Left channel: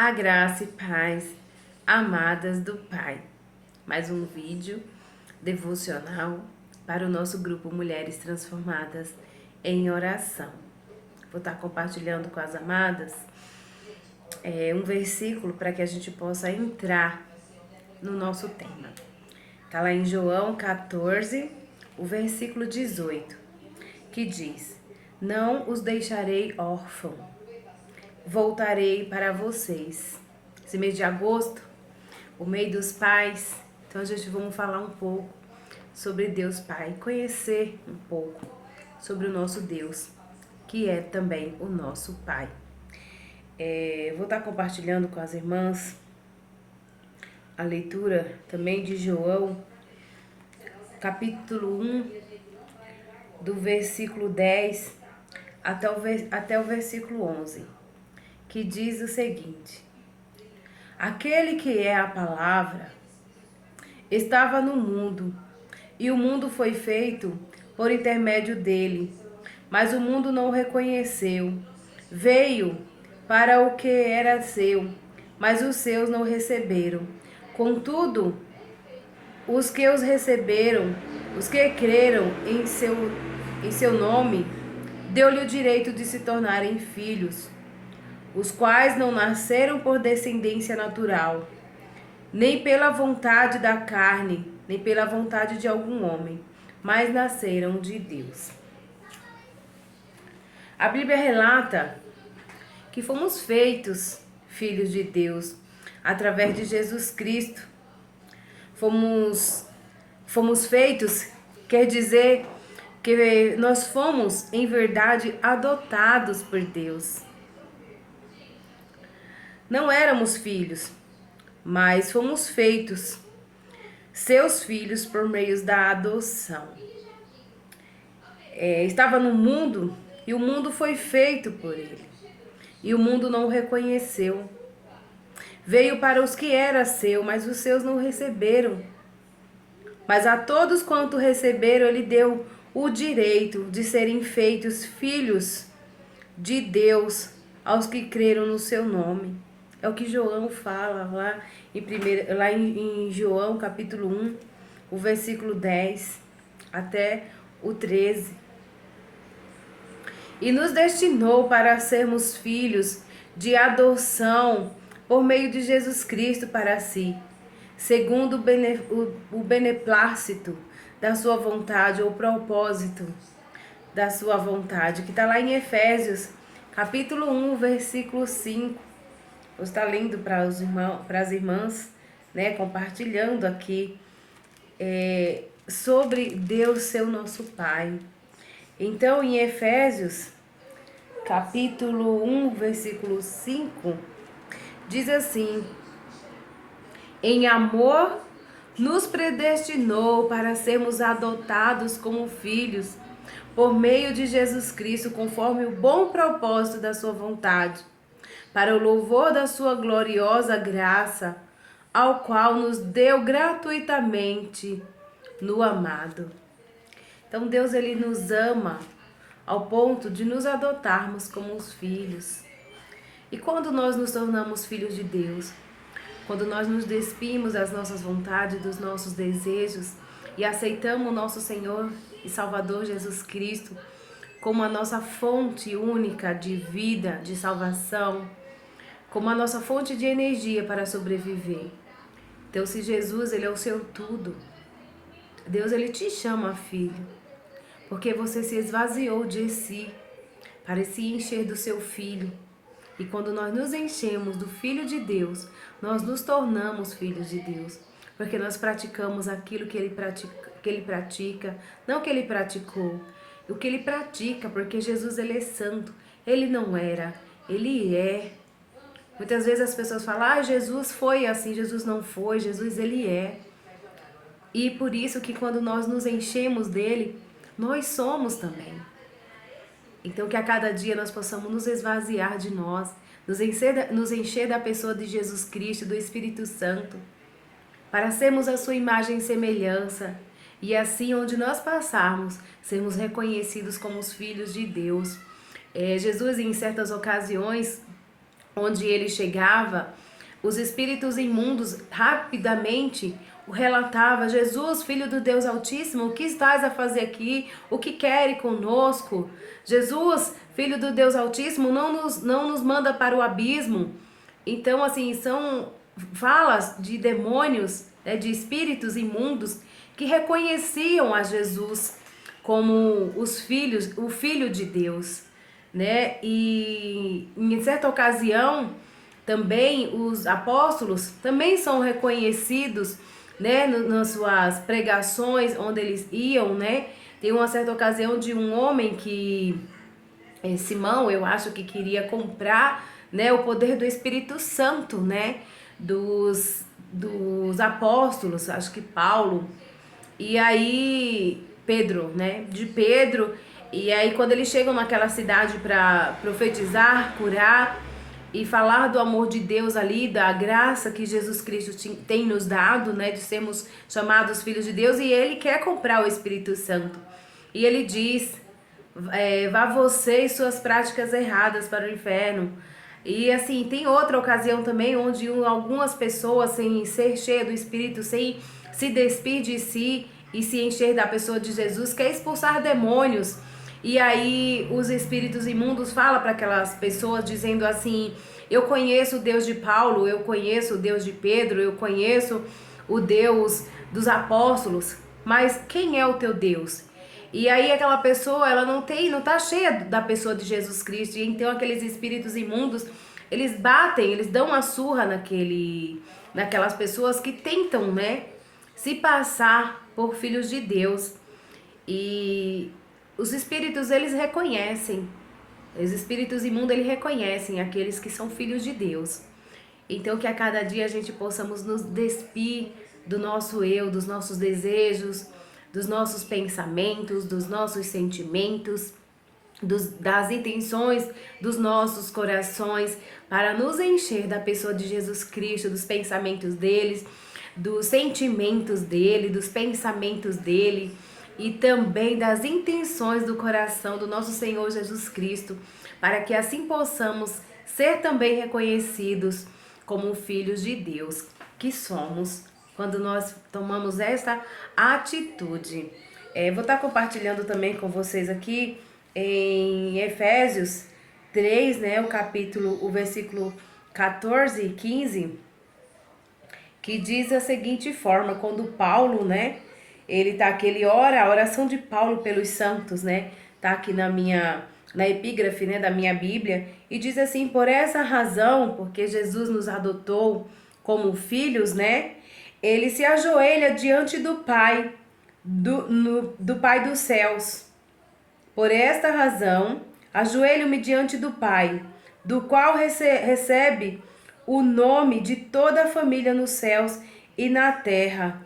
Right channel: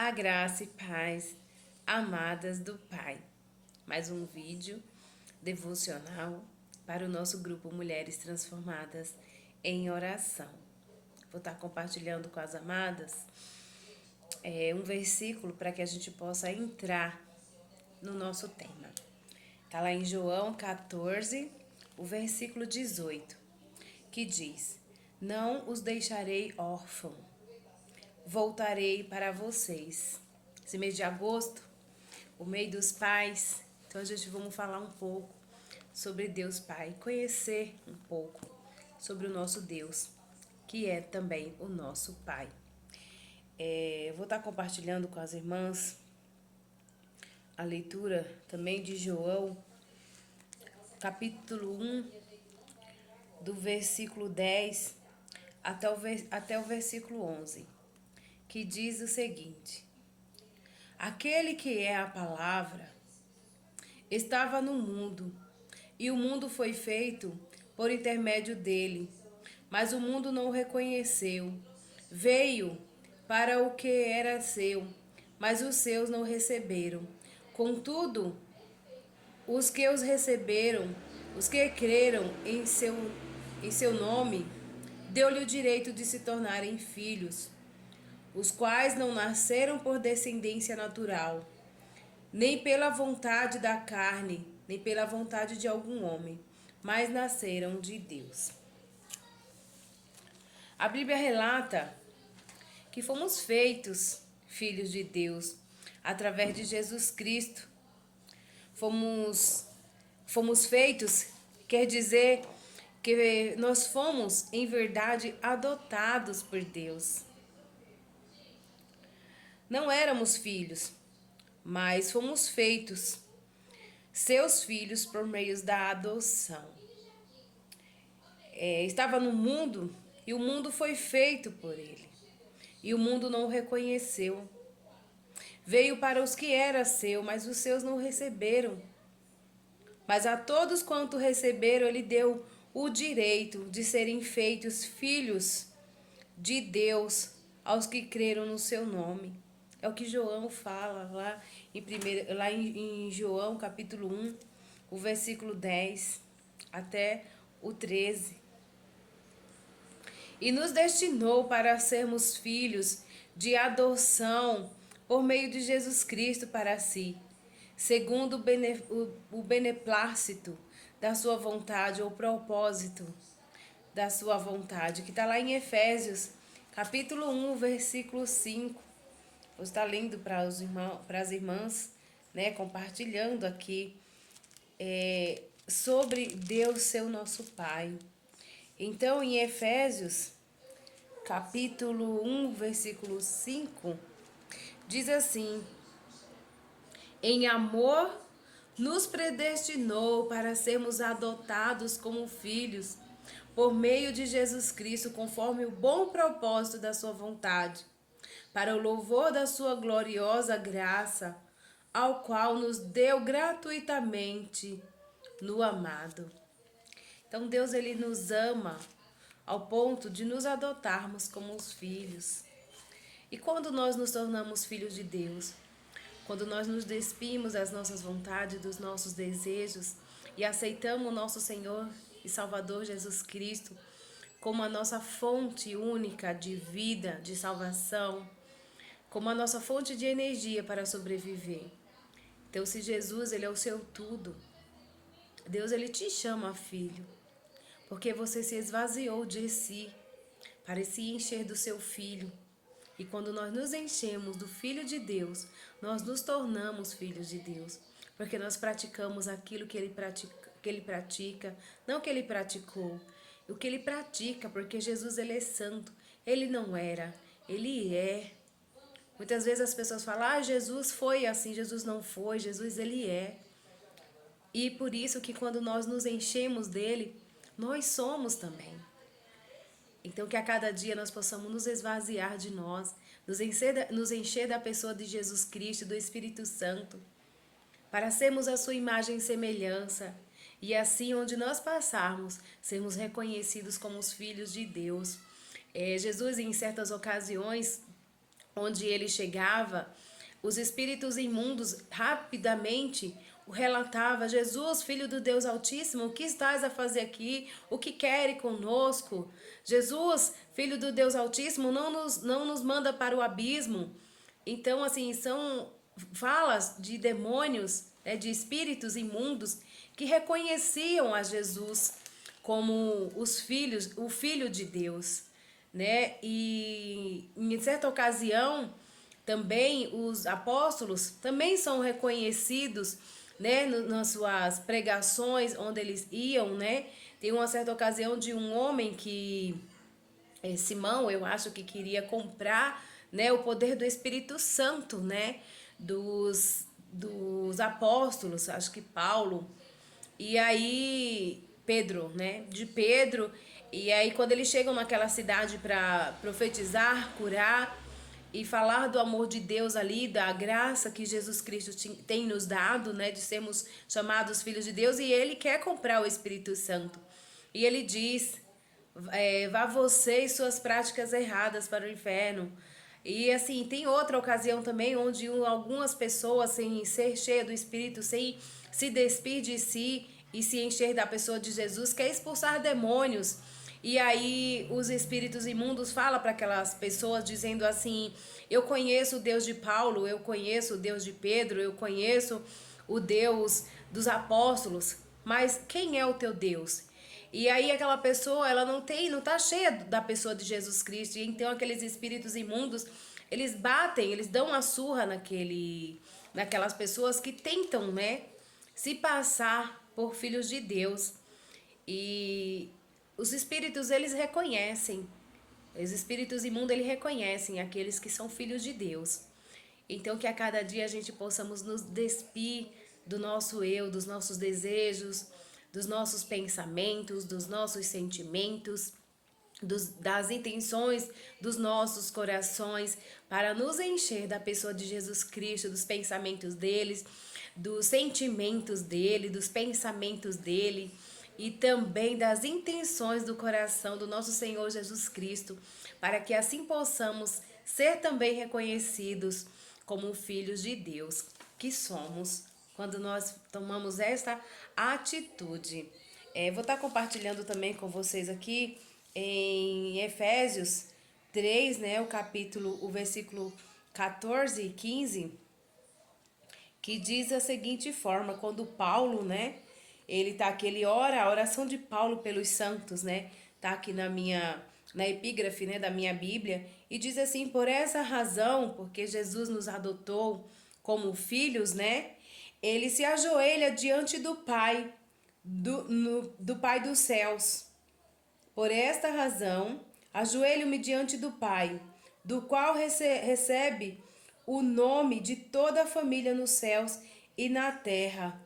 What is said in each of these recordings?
A graça e paz, amadas do Pai. Mais um vídeo devocional para o nosso grupo Mulheres Transformadas em Oração. Vou estar compartilhando com as amadas um versículo para que a gente possa entrar no nosso tema. Está lá em João 14, o versículo 18, que diz: Não os deixarei órfãos, voltarei para vocês. Esse mês de agosto, o mês dos pais, então a gente vamos falar um pouco sobre Deus Pai, conhecer um pouco sobre o nosso Deus, que é também o nosso Pai. Vou estar compartilhando com as irmãs a leitura também de João, capítulo 1, do versículo 10 até o versículo 11, que diz o seguinte: Aquele que é a palavra estava no mundo, e o mundo foi feito por intermédio dele, mas o mundo não o reconheceu. Veio para o que era seu, mas os seus não o receberam. Contudo, os que os receberam, os que creram em seu nome, deu-lhe o direito de se tornarem filhos, os quais não nasceram por descendência natural, nem pela vontade da carne, nem pela vontade de algum homem, mas nasceram de Deus. A Bíblia relata que fomos feitos filhos de Deus através de Jesus Cristo. Fomos feitos, quer dizer que nós fomos, em verdade, adotados por Deus. Não éramos filhos, mas fomos feitos seus filhos por meio da adoção. Estava no mundo e o mundo foi feito por ele, e o mundo não o reconheceu. Veio para os que era seu, mas os seus não receberam. Mas a todos quanto receberam, ele deu o direito de serem feitos filhos de Deus aos que creram no seu nome. É o que João fala lá em João capítulo 1, o versículo 10 até o 13. E nos destinou para sermos filhos de adoção por meio de Jesus Cristo para si, segundo o beneplácito da sua vontade, ou propósito da sua vontade, que está lá em Efésios, capítulo 1, versículo 5. Vou estar lendo para as irmãs, né, compartilhando aqui sobre Deus ser o nosso Pai. Então, em Efésios, capítulo 1, versículo 5, diz assim: Em amor nos predestinou para sermos adotados como filhos, por meio de Jesus Cristo, conforme o bom propósito da sua vontade, para o louvor da sua gloriosa graça, ao qual nos deu gratuitamente no amado. Então Deus, ele nos ama ao ponto de nos adotarmos como os filhos. E quando nós nos tornamos filhos de Deus, quando nós nos despimos das nossas vontades, dos nossos desejos e aceitamos o nosso Senhor e Salvador Jesus Cristo como a nossa fonte única de vida, de salvação, como a nossa fonte de energia para sobreviver. Então, se Jesus, ele é o seu tudo, Deus, ele te chama filho, porque você se esvaziou de si para se encher do seu filho. E quando nós nos enchemos do Filho de Deus, nós nos tornamos filhos de Deus, porque nós praticamos aquilo que ele pratica, não que ele praticou, o que ele pratica, porque Jesus, ele é santo, ele não era, ele é. Muitas vezes as pessoas falam: Jesus foi assim, Jesus não foi, Jesus, ele é. E por isso que quando nós nos enchemos dele, nós somos também. Então, que a cada dia nós possamos nos esvaziar de nós, nos encher da pessoa de Jesus Cristo, do Espírito Santo, para sermos a sua imagem e semelhança, e assim, onde nós passarmos, sermos reconhecidos como os filhos de Deus. Jesus, em certas ocasiões, onde ele chegava, os espíritos imundos rapidamente o relatava: Jesus, filho do Deus Altíssimo, o que estás a fazer aqui? O que queres conosco? Jesus, filho do Deus Altíssimo, não nos manda para o abismo. Então, assim, são falas de demônios, né, de espíritos imundos que reconheciam a Jesus como o filho de Deus, né? E em certa ocasião também os apóstolos também são reconhecidos, né, nas suas pregações onde eles iam, né? Tem uma certa ocasião de um homem que Simão, eu acho que queria comprar, né, o poder do Espírito Santo, né, dos apóstolos, acho que Paulo, e aí Pedro, né, de Pedro, e aí quando eles chegam naquela cidade para profetizar, curar e falar do amor de Deus ali, da graça que Jesus Cristo tem nos dado, né, de sermos chamados filhos de Deus, e ele quer comprar o Espírito Santo. E ele diz: vá você e suas práticas erradas para o inferno. E assim, tem outra ocasião também onde algumas pessoas, sem ser cheias do Espírito, sem se despir de si e se encher da pessoa de Jesus, quer expulsar demônios. E aí os espíritos imundos falam para aquelas pessoas dizendo assim: eu conheço o Deus de Paulo, eu conheço o Deus de Pedro, eu conheço o Deus dos apóstolos, mas quem é o teu Deus? E aí aquela pessoa, ela não tá cheia da pessoa de Jesus Cristo. E então aqueles espíritos imundos, eles batem, eles dão uma surra naquelas pessoas que tentam, né, se passar por filhos de Deus. E os espíritos, eles reconhecem. Os espíritos imundos, eles reconhecem aqueles que são filhos de Deus. Então que a cada dia a gente possamos nos despir do nosso eu, dos nossos desejos, dos nossos pensamentos, dos nossos sentimentos, das intenções dos nossos corações, para nos encher da pessoa de Jesus Cristo, dos pensamentos deles, dos sentimentos dele, dos pensamentos dele e também das intenções do coração do nosso Senhor Jesus Cristo, para que assim possamos ser também reconhecidos como filhos de Deus que somos, quando nós tomamos esta atitude. Vou estar compartilhando também com vocês aqui em Efésios 3, né, o versículo 14 e 15, que diz da seguinte forma: quando Paulo, né, ele ora, a oração de Paulo pelos santos, né, tá aqui na epígrafe, né, da minha Bíblia, e diz assim: por essa razão, porque Jesus nos adotou como filhos, né, ele se ajoelha diante do Pai, do Pai dos céus. Por esta razão, ajoelho-me diante do Pai, do qual recebe o nome de toda a família nos céus e na terra.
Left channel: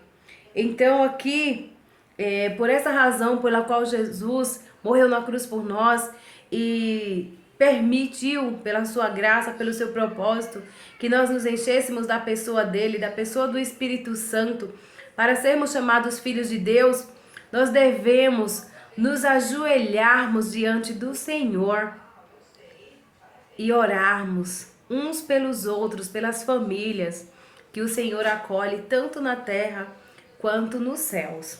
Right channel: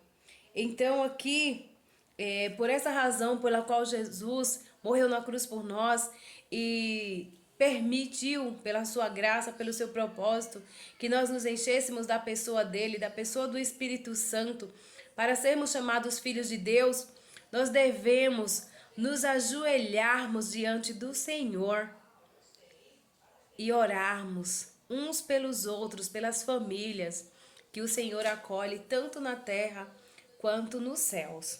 Então aqui, por essa razão pela qual Jesus morreu na cruz por nós e permitiu, pela sua graça, pelo seu propósito, que nós nos enchêssemos da pessoa dele, da pessoa do Espírito Santo, para sermos chamados filhos de Deus, nós devemos nos ajoelharmos diante do Senhor e orarmos uns pelos outros, pelas famílias que o Senhor acolhe tanto na terra quanto nos céus.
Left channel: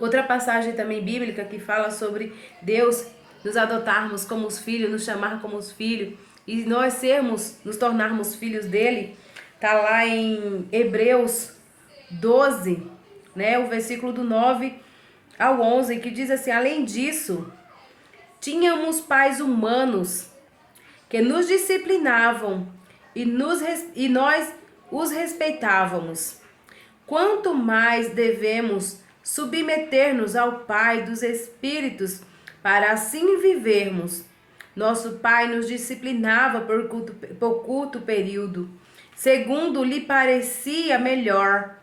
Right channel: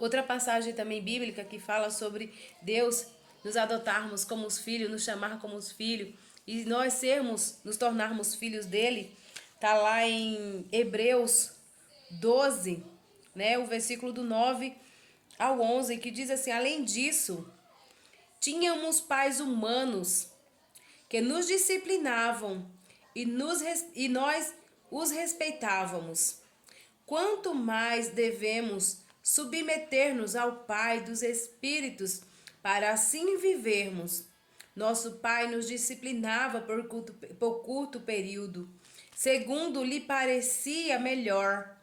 Outra passagem também bíblica que fala sobre Deus nos adotarmos como os filhos, nos chamar como os filhos e nós nos tornarmos filhos dele, tá lá em Hebreus 12, né, o versículo do 9 ao 11, que diz assim: além disso, tínhamos pais humanos que nos disciplinavam e nós os respeitávamos. Quanto mais devemos submeter-nos ao Pai dos Espíritos para assim vivermos. Nosso Pai nos disciplinava por curto período, segundo lhe parecia melhor,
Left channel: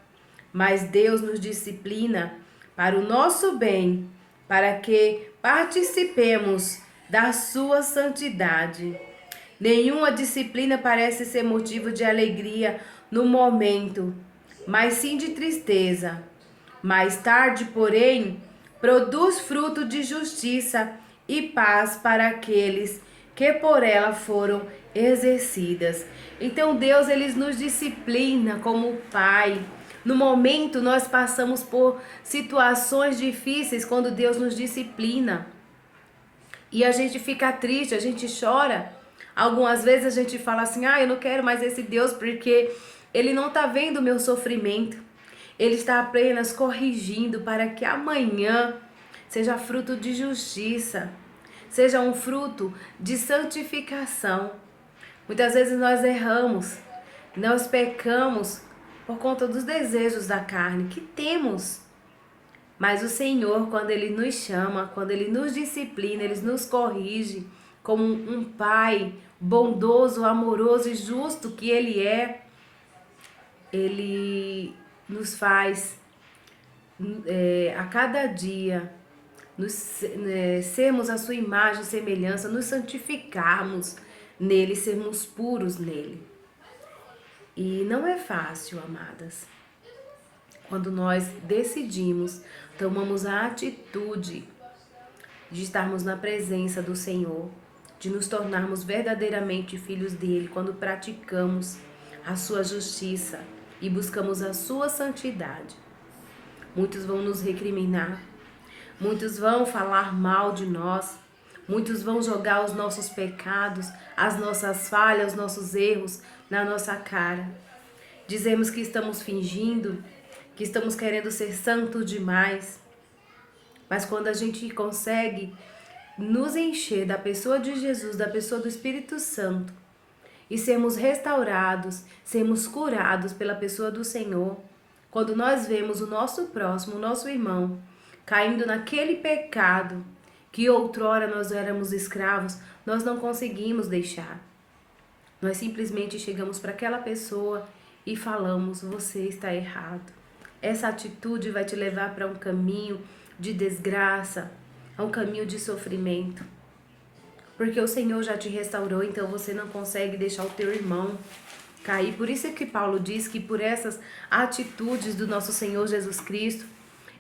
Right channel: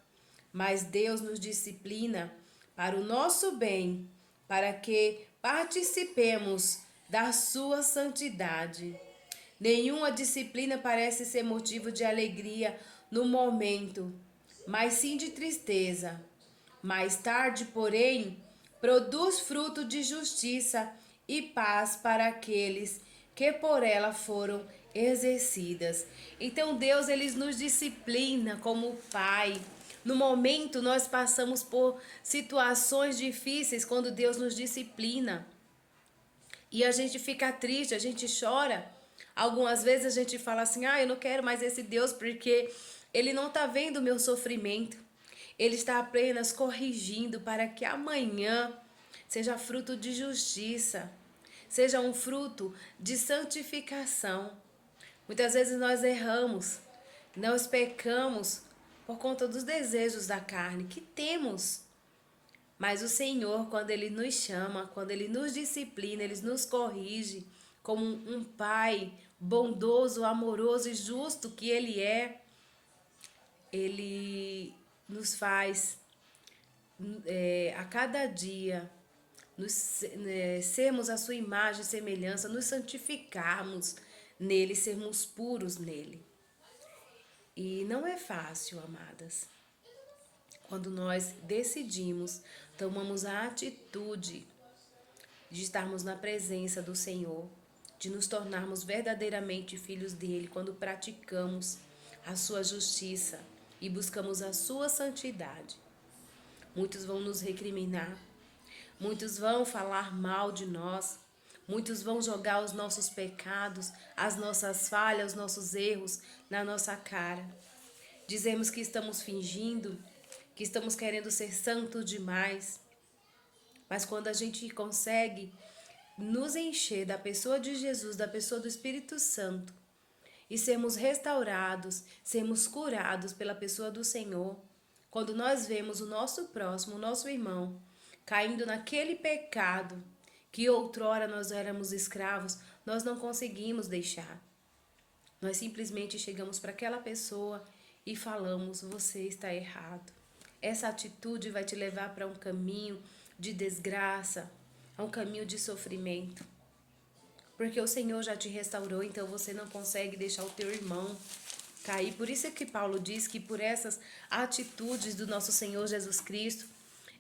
mas Deus nos disciplina para o nosso bem, para que participemos da sua santidade. Nenhuma disciplina parece ser motivo de alegria no momento, mas sim de tristeza. Mais tarde, porém, produz fruto de justiça e paz para aqueles que por ela foram exercidas. Então Deus, ele nos disciplina como Pai. No momento nós passamos por situações difíceis quando Deus nos disciplina. E a gente fica triste, a gente chora. Algumas vezes a gente fala assim: "Ah, eu não quero mais esse Deus porque ele não está vendo o meu sofrimento. Ele está apenas corrigindo para que amanhã seja fruto de justiça, seja um fruto de santificação." Muitas vezes nós erramos, nós pecamos por conta dos desejos da carne que temos. Mas o Senhor, quando Ele nos chama, quando Ele nos disciplina, Ele nos corrige como um Pai bondoso, amoroso e justo que Ele é, Ele nos faz a cada dia sermos a sua imagem e semelhança, nos santificarmos nele, sermos puros nele. E não é fácil, amadas. Quando nós decidimos, tomamos a atitude de estarmos na presença do Senhor, de nos tornarmos verdadeiramente filhos dele, quando praticamos a sua justiça e buscamos a sua santidade. Muitos vão nos recriminar, muitos vão falar mal de nós, muitos vão jogar os nossos pecados, as nossas falhas, os nossos erros na nossa cara. Dizemos que estamos fingindo, que estamos querendo ser santo demais. Mas quando a gente consegue nos encher da pessoa de Jesus, da pessoa do Espírito Santo, e sermos restaurados, sermos curados pela pessoa do Senhor, quando nós vemos o nosso próximo, o nosso irmão, caindo naquele pecado que outrora nós éramos escravos, nós não conseguimos deixar. Nós simplesmente chegamos para aquela pessoa e falamos: você está errado. Essa atitude vai te levar para um caminho de desgraça, a um caminho de sofrimento. Porque o Senhor já te restaurou, então você não consegue deixar o teu irmão cair. Por isso é que Paulo diz que por essas atitudes do nosso Senhor Jesus Cristo,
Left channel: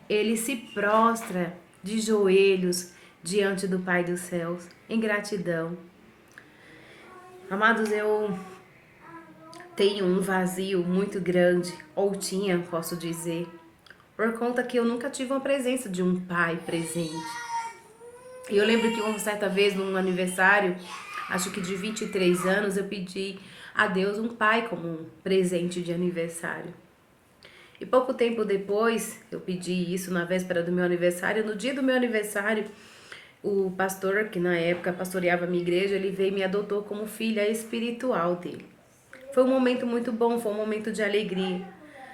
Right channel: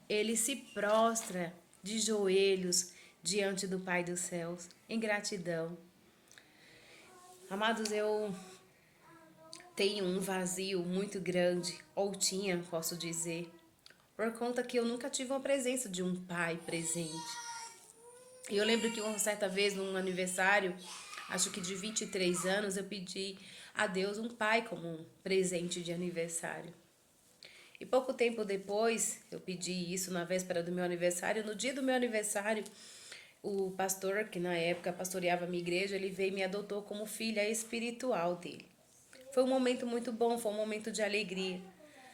ele se prostra de joelhos diante do Pai dos céus, em gratidão. Amados, eu tenho um vazio muito grande, ou tinha, posso dizer, por conta que eu nunca tive uma presença de um pai presente. E eu lembro que uma certa vez, num aniversário, acho que de 23 anos, eu pedi a Deus um pai como um presente de aniversário. E pouco tempo depois, eu pedi isso na véspera do meu aniversário. No dia do meu aniversário, o pastor, que na época pastoreava a minha igreja, ele veio e me adotou como filha espiritual dele. Foi um momento muito bom, foi um momento de alegria.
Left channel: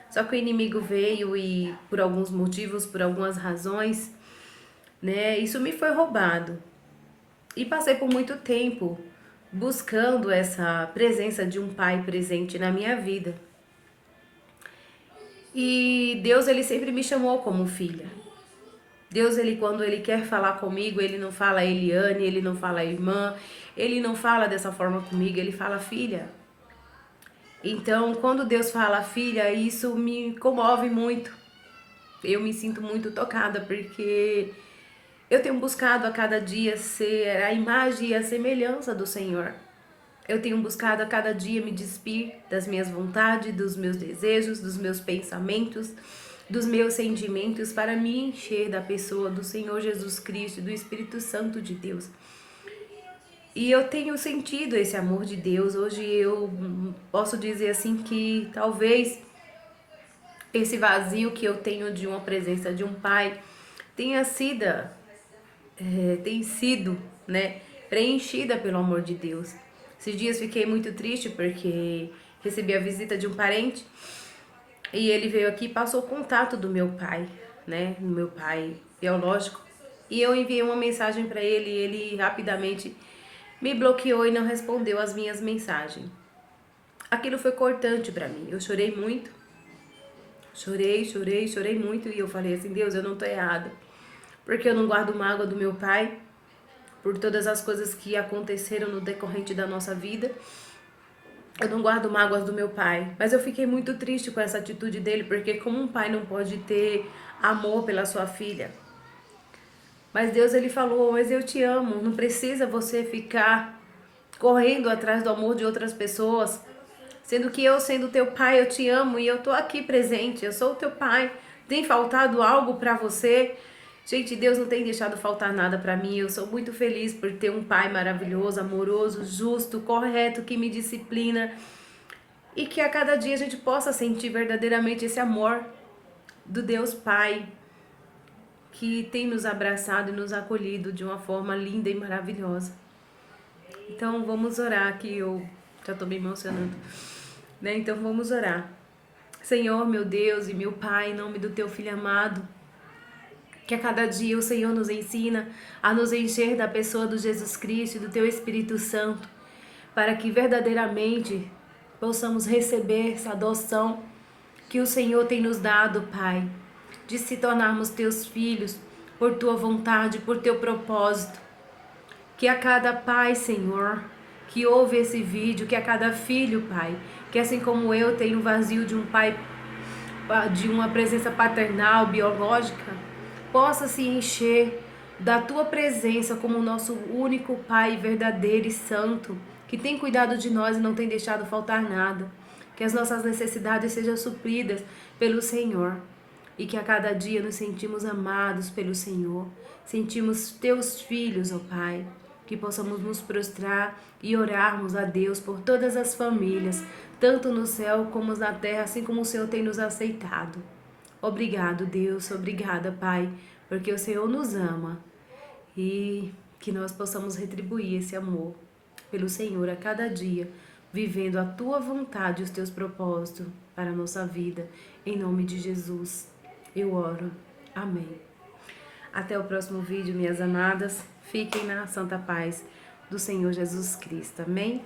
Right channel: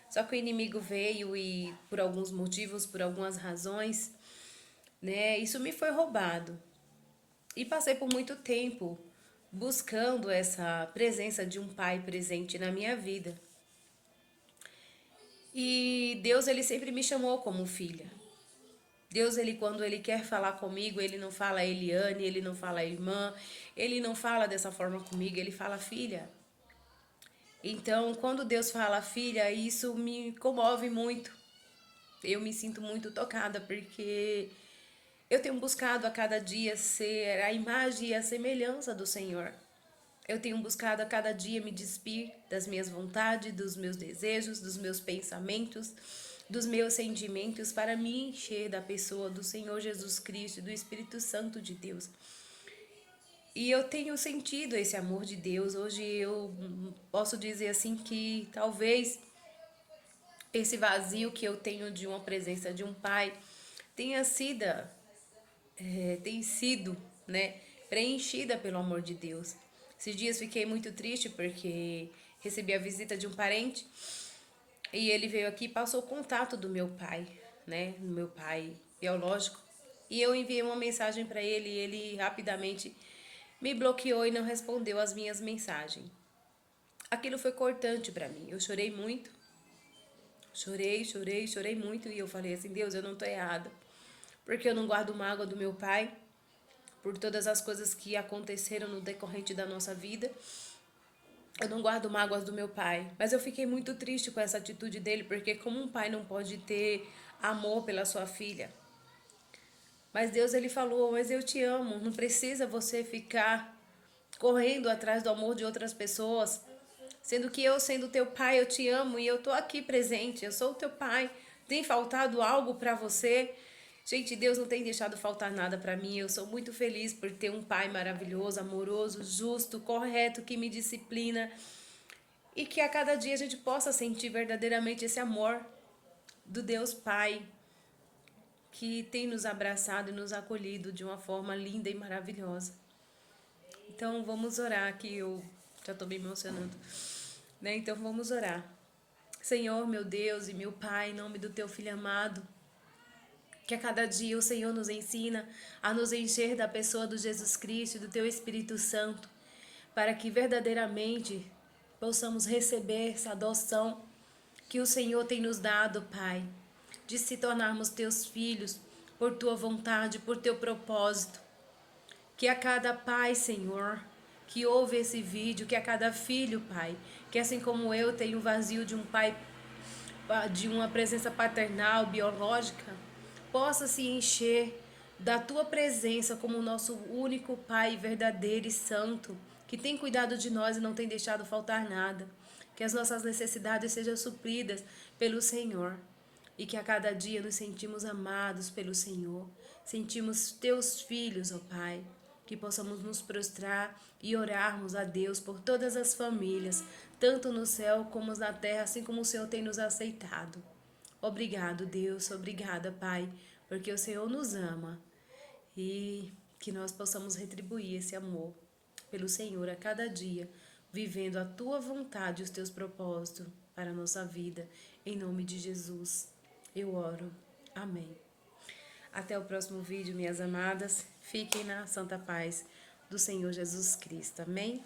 Só que o inimigo veio e, por alguns motivos, por algumas razões, isso me foi roubado. E passei por muito tempo buscando essa presença de um pai presente na minha vida. E Deus, ele sempre me chamou como filha. Deus, ele, quando ele quer falar comigo, ele não fala Eliane, ele não fala irmã, ele não fala dessa forma comigo, ele fala filha. Então, quando Deus fala filha, isso me comove muito. Eu me sinto muito tocada, porque eu tenho buscado a cada dia ser a imagem e a semelhança do Senhor. Eu tenho buscado a cada dia me despir das minhas vontades, dos meus desejos, dos meus pensamentos, dos meus sentimentos, para me encher da pessoa do Senhor Jesus Cristo, do Espírito Santo de Deus. E eu tenho sentido esse amor de Deus. Hoje eu posso dizer assim que talvez esse vazio que eu tenho de uma presença de um pai tenha sido, preenchida pelo amor de Deus. Esses dias fiquei muito triste porque recebi a visita de um parente e ele veio aqui e passou o contato do meu pai, do meu pai biológico. E eu enviei uma mensagem para ele e ele rapidamente me bloqueou e não respondeu as minhas mensagens. Aquilo foi cortante para mim. Eu chorei muito. Chorei muito. E eu falei assim: Deus, eu não tô errada. Porque eu não guardo mágoa do meu pai por todas as coisas que aconteceram no decorrente da nossa vida. Eu não guardo mágoas do meu pai. Mas eu fiquei muito triste com essa atitude dele, porque como um pai não pode ter amor pela sua filha? Mas Deus, ele falou: mas eu te amo, não precisa você ficar correndo atrás do amor de outras pessoas, sendo que eu, sendo teu pai, eu te amo e eu tô aqui presente, eu sou o teu pai. Tem faltado algo para você? Gente, Deus não tem deixado faltar nada para mim. Eu sou muito feliz por ter um pai maravilhoso, amoroso, justo, correto, que me disciplina e que a cada dia a gente possa sentir verdadeiramente esse amor do Deus Pai, que tem nos abraçado e nos acolhido de uma forma linda e maravilhosa. Então vamos orar, que eu já estou me emocionando, né? Então vamos orar. Senhor, meu Deus e meu Pai, em nome do teu Filho amado, que a cada dia o Senhor nos ensina a nos encher da pessoa do Jesus Cristo e do teu Espírito Santo, para que verdadeiramente possamos receber essa adoção que o Senhor tem nos dado, Pai, de se tornarmos teus filhos por tua vontade, por teu propósito. Que a cada pai, Senhor, que ouve esse vídeo, que a cada filho, Pai, que assim como eu tenho vazio de um pai, de uma presença paternal, biológica, possa se encher da tua presença como o nosso único Pai verdadeiro e santo, que tem cuidado de nós e não tem deixado faltar nada. Que as nossas necessidades sejam supridas pelo Senhor e que a cada dia nos sentimos amados pelo Senhor, sentimos teus filhos, ó Pai, que possamos nos prostrar e orarmos a Deus por todas as famílias, tanto no céu como na terra, assim como o Senhor tem nos aceitado. Obrigado, Deus, obrigada, Pai, porque o Senhor nos ama e que nós possamos retribuir esse amor pelo Senhor a cada dia, vivendo a tua vontade e os teus propósitos para a nossa vida. Em nome de Jesus, eu oro. Amém. Até o próximo vídeo, minhas amadas. Fiquem na santa paz do Senhor Jesus Cristo. Amém?